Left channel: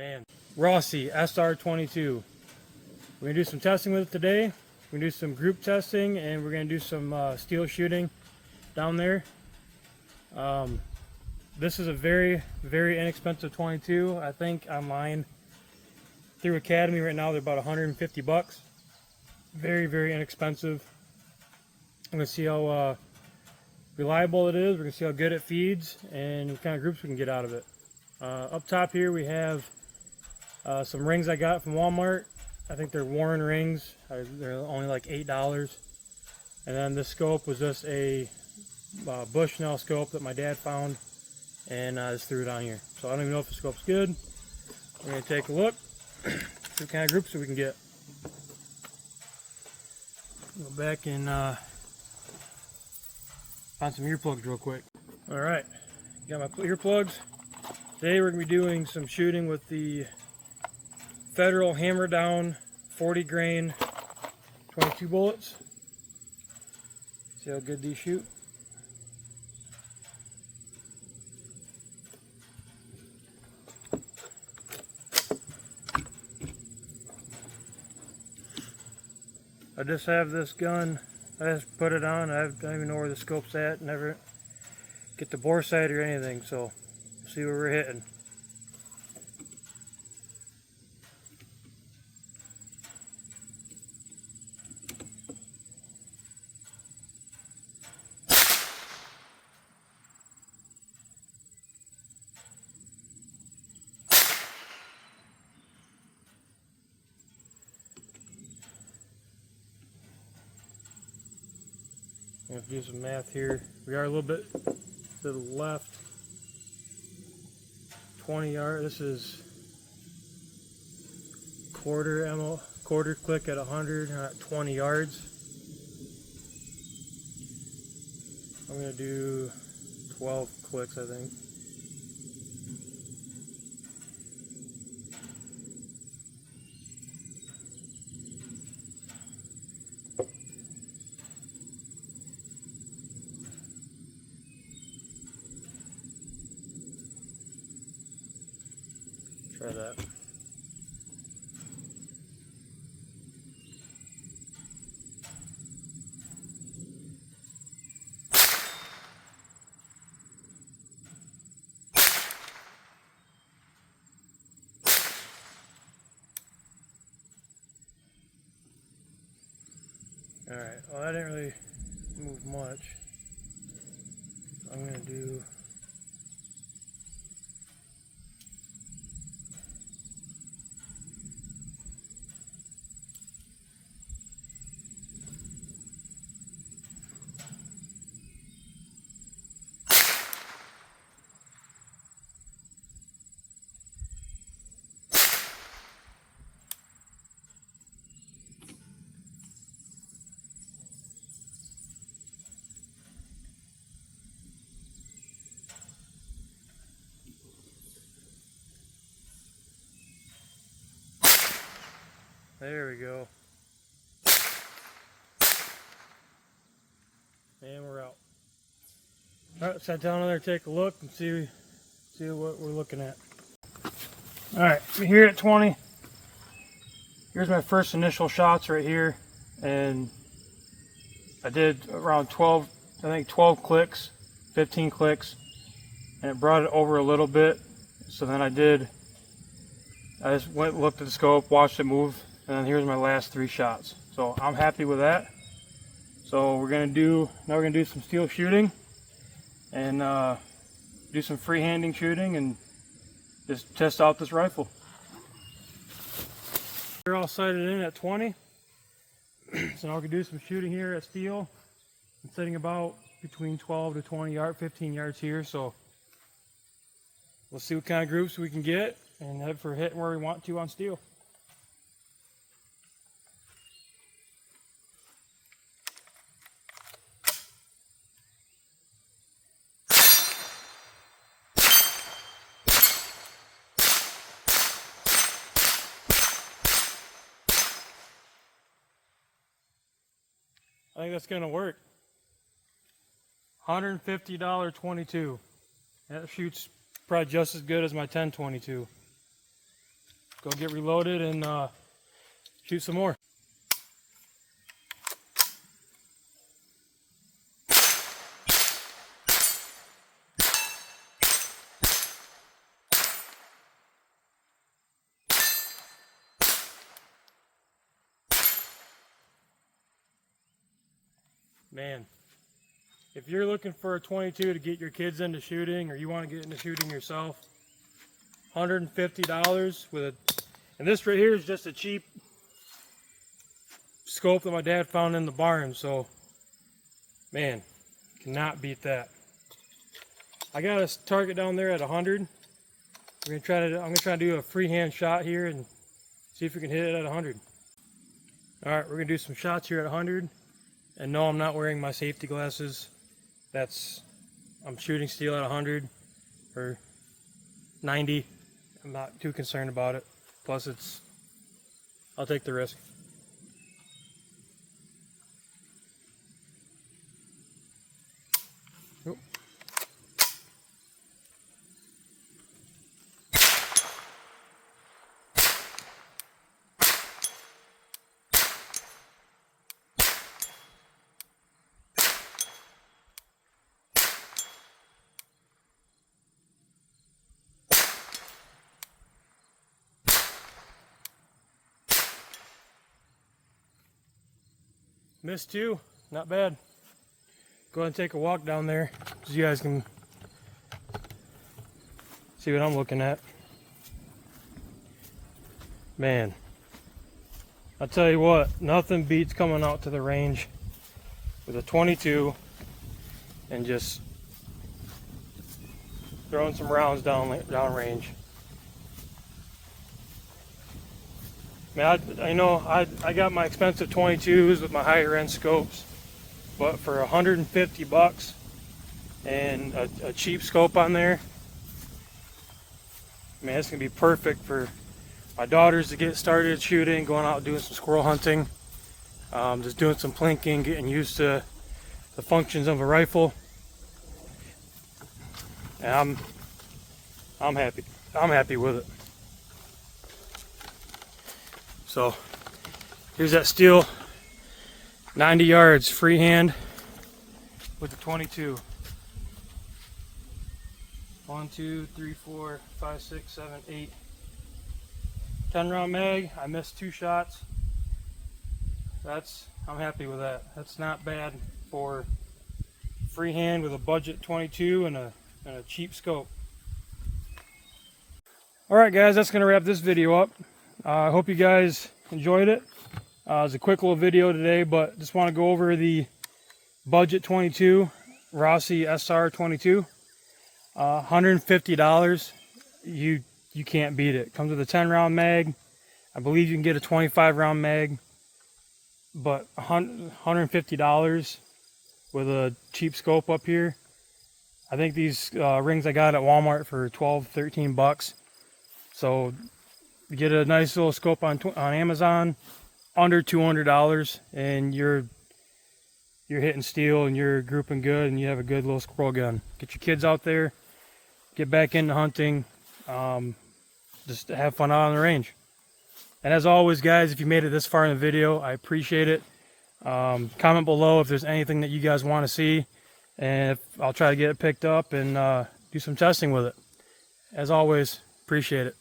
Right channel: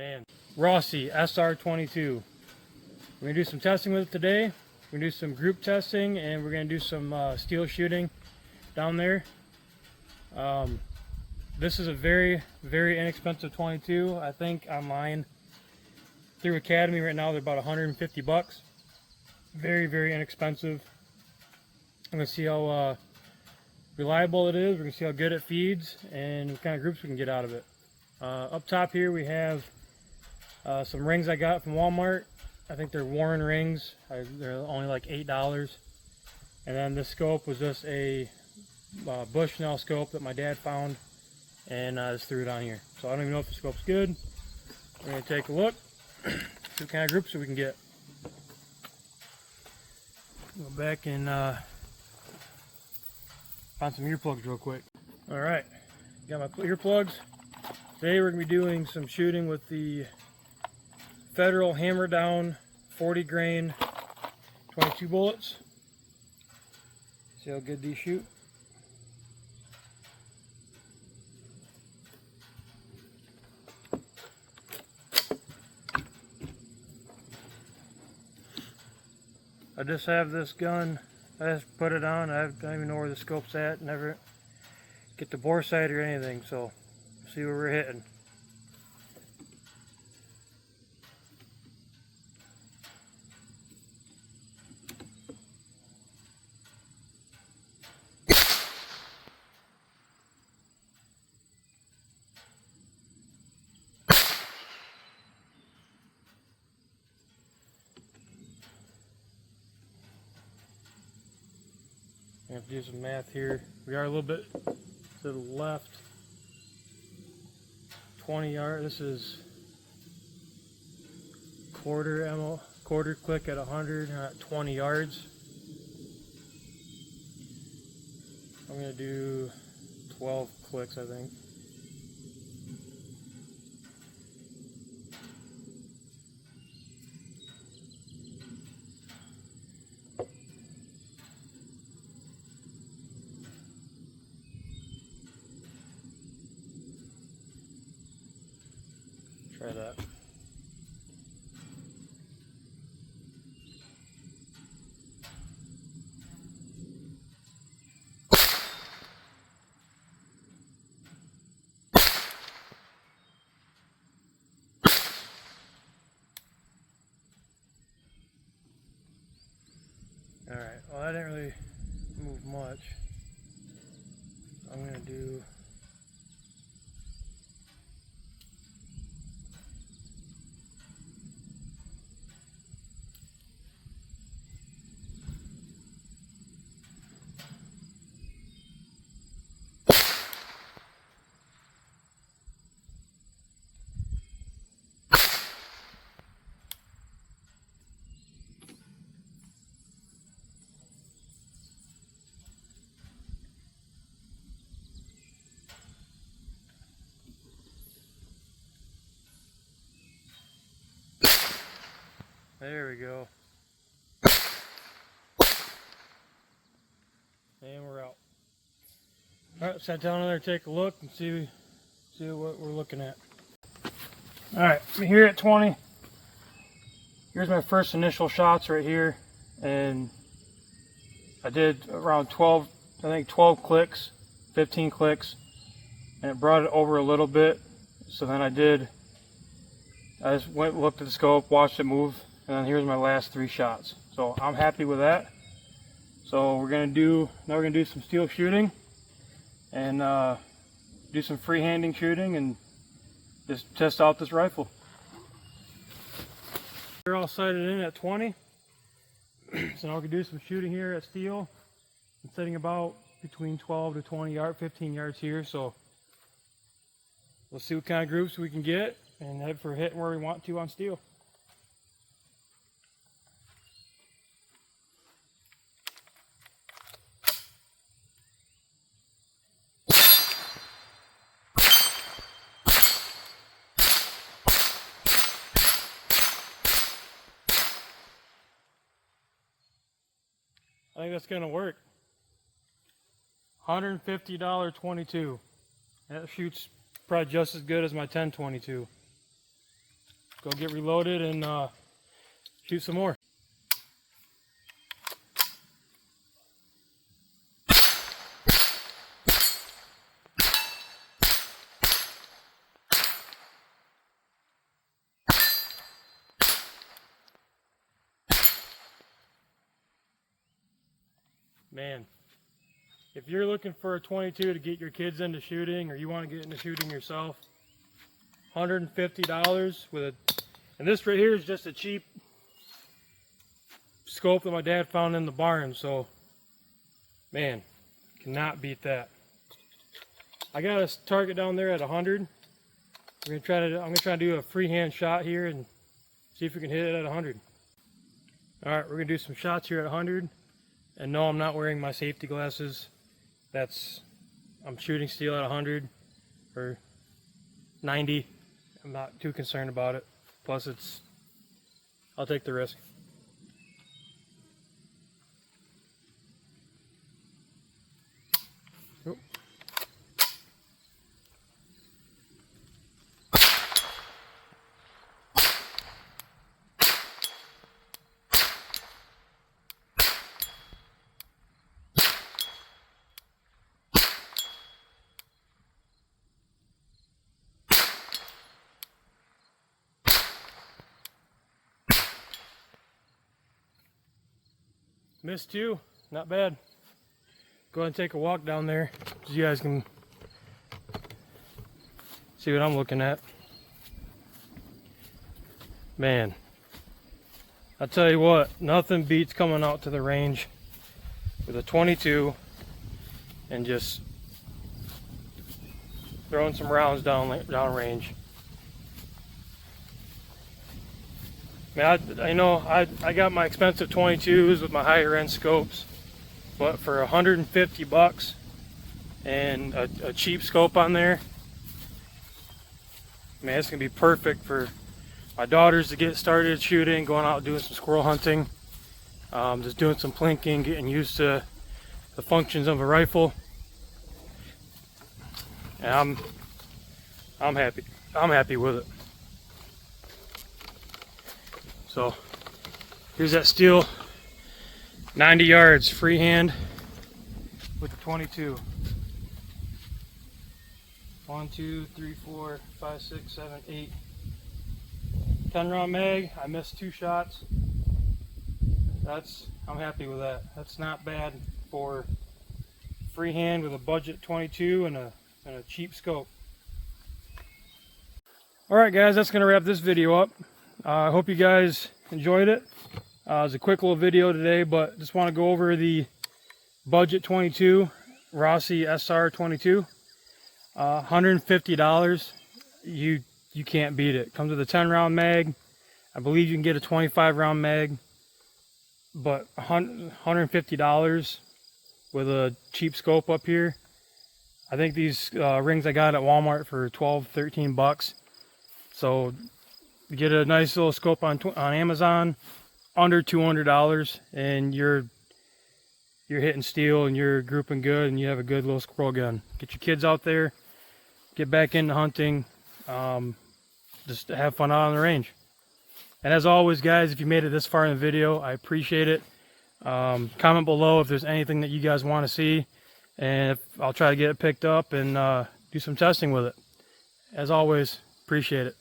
Man, Rossi SR22. We're gonna do some testing with it today. We're gonna do some group testing, and we're gonna do some steel shooting down there. This is a very, very inexpensive 22. I think online through Academy right now they're about 150 bucks. Very, very inexpensive. I'm gonna see how reliable it is. We're gonna see how good it feeds and what kind of groups we can get out of it. Up top here we have some rings I got from Walmart. I think they're Warren rings. They're only like $8. And then this scope was just a Bushnell scope that my dad found, and I just threw it on here. So I don't even know if the scope's good. We're gonna take a look, see what kind of groups we can get. Go back and find some earplugs real quick. All right, got my earplugs. Today we're gonna be doing some shooting with the Federal Hammer Down 40 grain 22 bullets. See how good these shoot. I just have this gun. I just put it on. I don't even know where the scope's at. Never get the bore sight or anything. So see where we're hitting. I have to do some math here. We are a little bit to the left. 20 yards. This is quarter click at 100, at 20 yards. I'm gonna do 12 clicks, I think. Try that. Alright, well I didn't really move much. I'm gonna do there we go. And we're out. Alright, sat down there, take a look and see what we're looking at. Alright, we're here at 20. Here's my first initial shots right here. And I did around 12, I think 12 clicks, 15 clicks. And it brought it over a little bit. So then I just went, looked at the scope, watched it move. And then here's my last 3 shots. So I'm happy with that. So now we're gonna do some steel shooting and do some freehanding shooting and just test out this rifle. We're all sighted in at 20. So now we can do some shooting here at steel. I'm sitting about between 12 to 20 yards, 15 yards here. So we'll see what kind of groups we can get and head for hitting where we want to on steel. I think that's gonna work. $150 22. That shoots probably just as good as my 10-22. go get reloaded and shoot some more. Man, if you're looking for a 22 to get your kids into shooting, or you want to get into shooting yourself, $150 with a, and this right here is just a cheap scope that my dad found in the barn. So, man, cannot beat that. I got a target down there at 100. I'm gonna try to do a freehand shot here and see if we can hit it at 100. All right, we're gonna do some shots here at 100. And no, I'm not wearing my safety glasses. I'm shooting steel at 100 or 90. I'm not too concerned about it. Plus I'll take the risk. Oh. Missed two, not bad. Go ahead and take a walk down there so you guys can see what I'm looking at. Man, I'll tell you what, nothing beats coming out to the range with a 22 and just throwing some rounds down range. Man, I got my expensive 22s with my higher end scopes, but for 150 bucks and a cheap scope on there, man, it's gonna be perfect for my daughters to get started shooting, going out doing some squirrel hunting, just doing some plinking, getting used to the functions of a rifle. And I'm happy. I'm happy with it. So here's that steel 90 yards freehand with the 22. 1, 2, 3, 4, 5, 6, 7, 8. 10 round mag. I missed 2 shots. I'm happy with that. That's not bad for freehand with a budget 22 and a cheap scope. Alright guys, that's going to wrap this video up. I hope you guys enjoyed it. It was a quick little video today, but just want to go over the budget 22 Rossi SR22. $150. You can't beat it. Comes with a 10 round mag. I believe you can get a 25 round mag, but $150 with a cheap scope up here. I think these rings I got at Walmart for 12, 13 bucks. So you get a nice little scope on Amazon under $200, and you're hitting steel and you're grouping good, and you have a good little squirrel gun. Get your kids out there, get back into hunting, just have fun out on the range. And as always guys, if you made it this far in the video, I appreciate it. Comment below if there's anything that you guys want to see, and I'll try to get it picked up and do some testing with it. As always, appreciate it.